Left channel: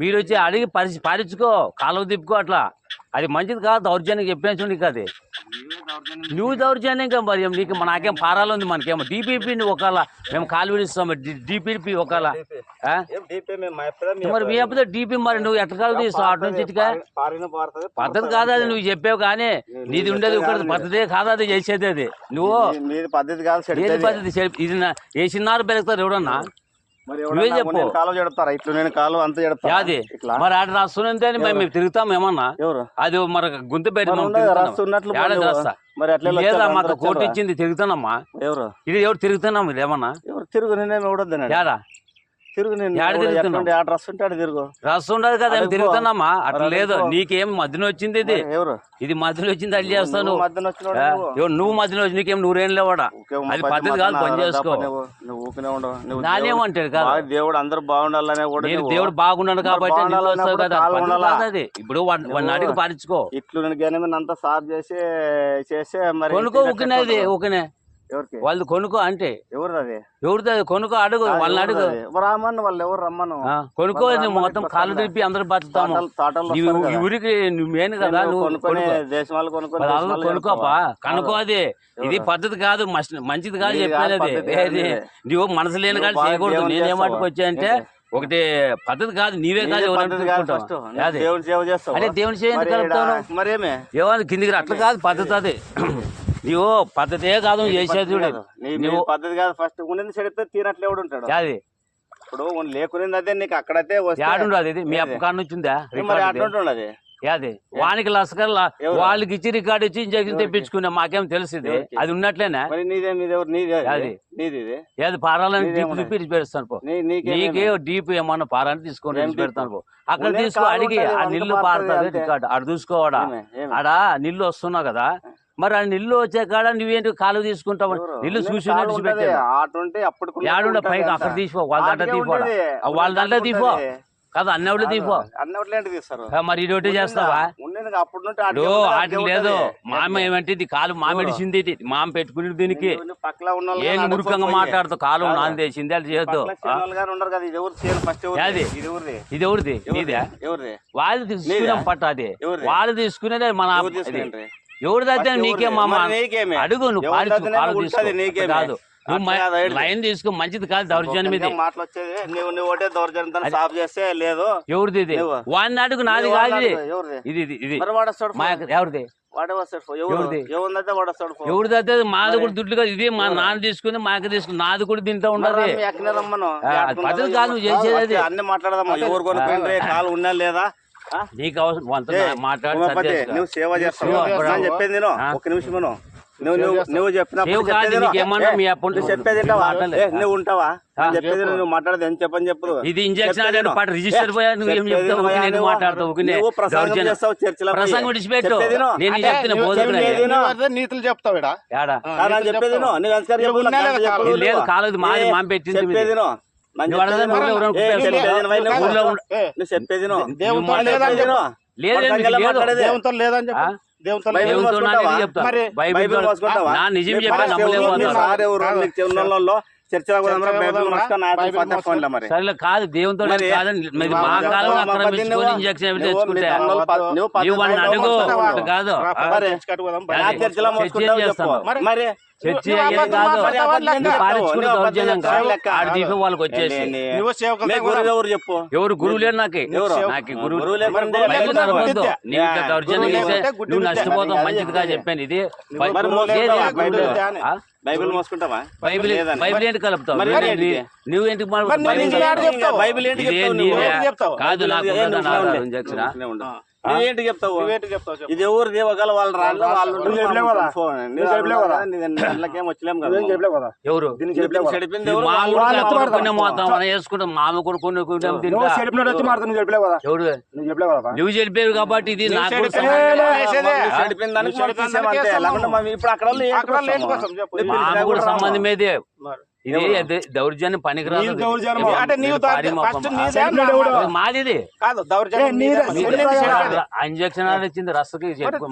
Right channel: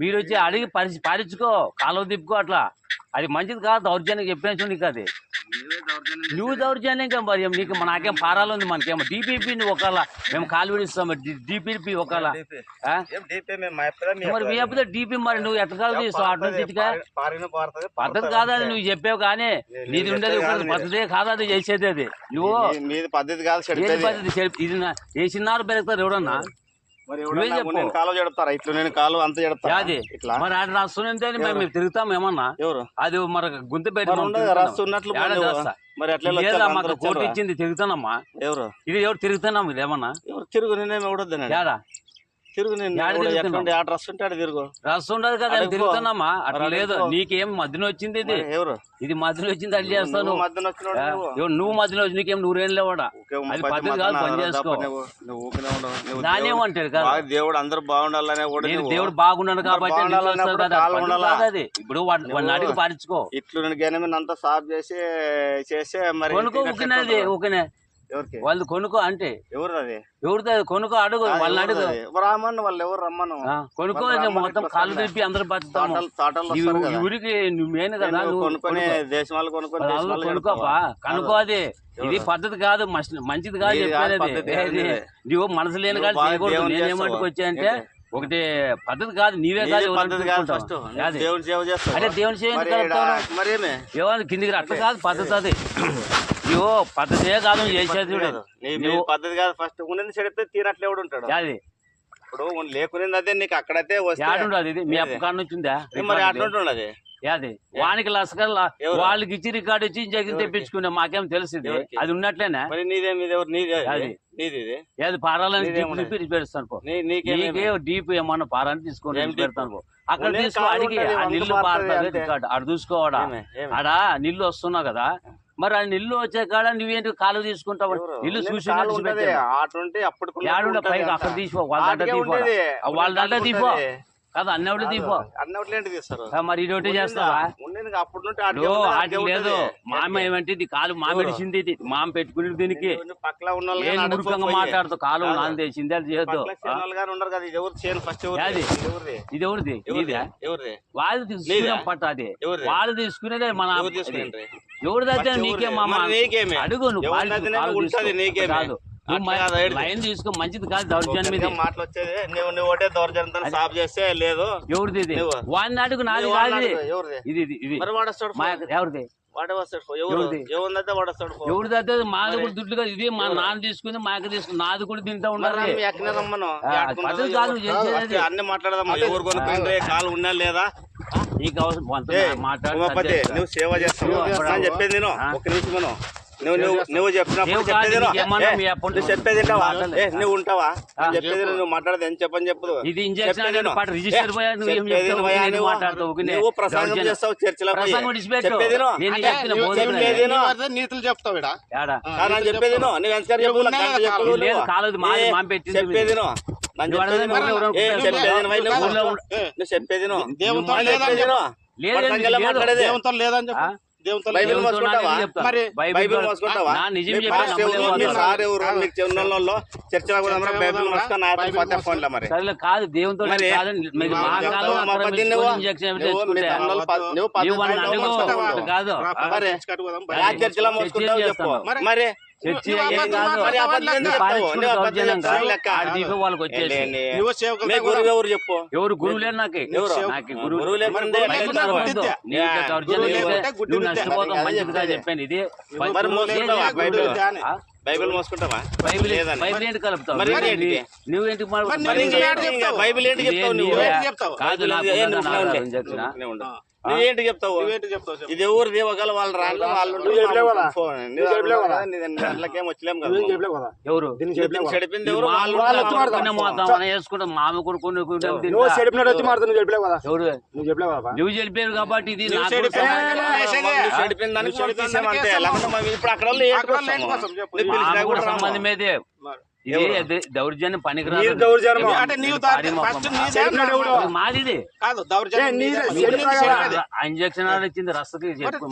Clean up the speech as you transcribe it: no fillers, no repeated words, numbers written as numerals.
మీరు వచ్చి అడిగి పారించుకో, కాలువ తిప్పుకో, అట్లా అది మంచిది కాదు. దౌర్జన్యం చెప్పేసి నీకు అది నువ్వు దౌర్జన్యంగా మరి నీకు నాకేం పారాలు ఉంది, మనకేమో డిపిపి ఒకవేళ మేము కాలు విడిస్తాం, డిపిపి ఒకవేళ మరి మీ అప్పుడు డిపి మరి నువ్వు ఎట్లా కాదు తీస్తావు అటు నుంచి పద్ధతి కాదు అది నువ్వు చెప్పావు. కానీ నీది ఉండేది పద్ధతే కాదు అది చేసేది. అది నువ్వు పద్ధతి కాదు, పద్ధతి ఇది వేసినారు పెరుగుతారు ఎవడన్నా మరి ఆడ రాస్తుంటే మేము తిరుగుతాం ఏమన్నా అది మరి గుంత మాకు కోర్టు ఇచ్చింది తిరుగుతానమ్మా. ఇది ఎవరు తిరుగుతున్నాం ఇది ఏమన్నా రస్ ఉండదు కదా తిరుగుతున్నామా అట్లా లేదు. నీకేం మధ్యన వచ్చింది ఇది ఇది మధ్యలో వచ్చింది అది చేస్తాను. నువ్వు మధ్యలో వచ్చి నీకేం నూరేం లేవాడా అది పద్ధతి కాదు, పని చేసుకో. దానేమంటారు కదా దేవుడు అందరూ బాగుండాలనే దేవుడు బాగున్నాడు కాబట్టి ఇప్పుడు వాడిని అడిగి పారించుకో. ఇట్లు అంతా సాఫ్ చేసి చేసే మరి కొనుక్కో ఊకినది ఊకినే వాళ్ళు కొనుక్కో అంటే ఎవరిది కొనుక్కో అడుగు వాళ్ళని అడుగు రామన్న వాళ్ళు ఎవరు రమ్మను కొనుక్కో. మొత్తం కాళ్ళు తిప్పి అందరు బతుకుతాము ఊరికి మెయిన్ కదా కొనుక్కోపా కనుక్కో. అది ఇది పద్ధతి కాదు, మంచిది కాదు చెప్పేది. నువ్వు మనసు లేని కాదు చేయకూడదు. నేనేమట్టుకు వచ్చాయంటే ఒకటి పద్ధతి కాదు, నీవే కాదు అదే దేవుని చేయండి కిందికి అట్లా కాదు పద్ధతి. అది నువ్వు పద్ధతే కాదు చేసేది పద్ధతి కాదు. ఫస్ట్ ఉన్నది చెడితే తీనట్లు ఎవడు ఉంటాడు. అది ఇప్పుడు లేకునేది అదే నీకు అక్కడైతే అది మీ అప్ప కాడ నుంచి ఉందా అది అదే వానికి లస్కర్ వాళ్ళకి ఇచ్చి రికార్డు ఇచ్చి ఇంజక్షన్ తెప్పించుకునే మాకేం తెలిసింది అది ఉన్నట్లేనా. ఏది పారాలని డీప్ తిప్పి పెడతాను నీకే డీప్ ఏమన్నా పారాన్ని తీసుకొని పెడతాను. అక్కడ తీసుకో అడిగి ఆ నీళ్లు పారుతుంది రికార్డు ఆడ చూసుకోవాడా ఆడ నీళ్లు వస్తున్నావు కదా మరి ఆ నీళ్లు వచ్చే కాడ నువ్వేంటి కాలు తీసుకుంటావు. నీళ్లు చూసి పైకి అక్కడ తీసుకో వాళ్ళ దాంట్లో తీపో కాదు అన్నవాళ్ళు తీపో మరి ఇదొకటి చేస్తావా. లేదు మామ ఏమంటే ఇది కాలు మామిడిసింది మామ పెట్టుకుని దీనికి ఏం మురుకంగా మాట్లాడుతావు. కాలు నాన్న తెచ్చింది అది చేయొద్దు. ఇది ఎవరిది నీదే వాళ్ళు తీసుకున్నాం పట్ట అది వాళ్ళు తీసుకునేది మన ఎవరిదైతే నీకే మామ అడుగు నువ్వు కాదు లైన్ తీసుకో మంచిది కాదు దౌర్జన్యం ఇది ఎవరిది ఇది వాడిని అడుగు నాది కాదు ఇది ఇది ఎవరిది ఎవరిదైతే మాది కూడా దుడ్లు కాదు ఇది మా నాన్న తీసుకుని మాకు తీసుకుని నాది కూడా తింటా ఉండాలి. పద్ధతి కాదు నువ్వు చేసేది అన్ని మాట్లాడదాం ఎవరు కొనుక్కుంటే కాలు ఉన్నా లేదా నీకు అవసరం మాట్లాడు నువ్వు సేవ చేస్తావు చెప్పేది ఒక నిమిషం నువ్వు చెప్పినప్పుడు చెప్పేది నువ్వు ఉంటావా చెప్పేది నువ్వు మాట్లాడదు ఎంత చెప్పని చెప్పదు. ఇది ఇంజక్షన్ నువ్వు ప్రసంగం చేస్తావు చర్చలో నీతులు చెప్తావు చెప్పేది నువ్వు చెప్పేది దేవునితో లేదని చెప్పి కాదు దేవునితో కాదు చర్చి వాళ్ళకి వచ్చేసి ఎవరు చెప్పు ఎవరు గురువు లేరు నాకు గురువు నువ్వు నష్టపోతావు మంచిదిగా చెప్పాను. ఇది బైబిల్ మోసుకుంటావా బైబిల్ ఏంటి కలుపుతావు నువ్వేంటి కాదు నువ్వేంటి చెప్తావు ఇది ఎవరిది ఒకవేళ వాళ్ళు రాళ్ళు వాళ్ళు వచ్చలేము కదా ఎవరు చెడిపింది వేసుకుంటాం మామ కొడుకుని నువ్వు చెప్పేవి కాబట్టి ఇది చెడిపిందంటే లేకుంటే ఇప్పుడు అక్కడ సంబంధం మీదే ఇది దౌర్జన్యం పనికిరాదు. మాది ఇంజక్షన్ ఇచ్చింది రస్తకి చెప్పుకో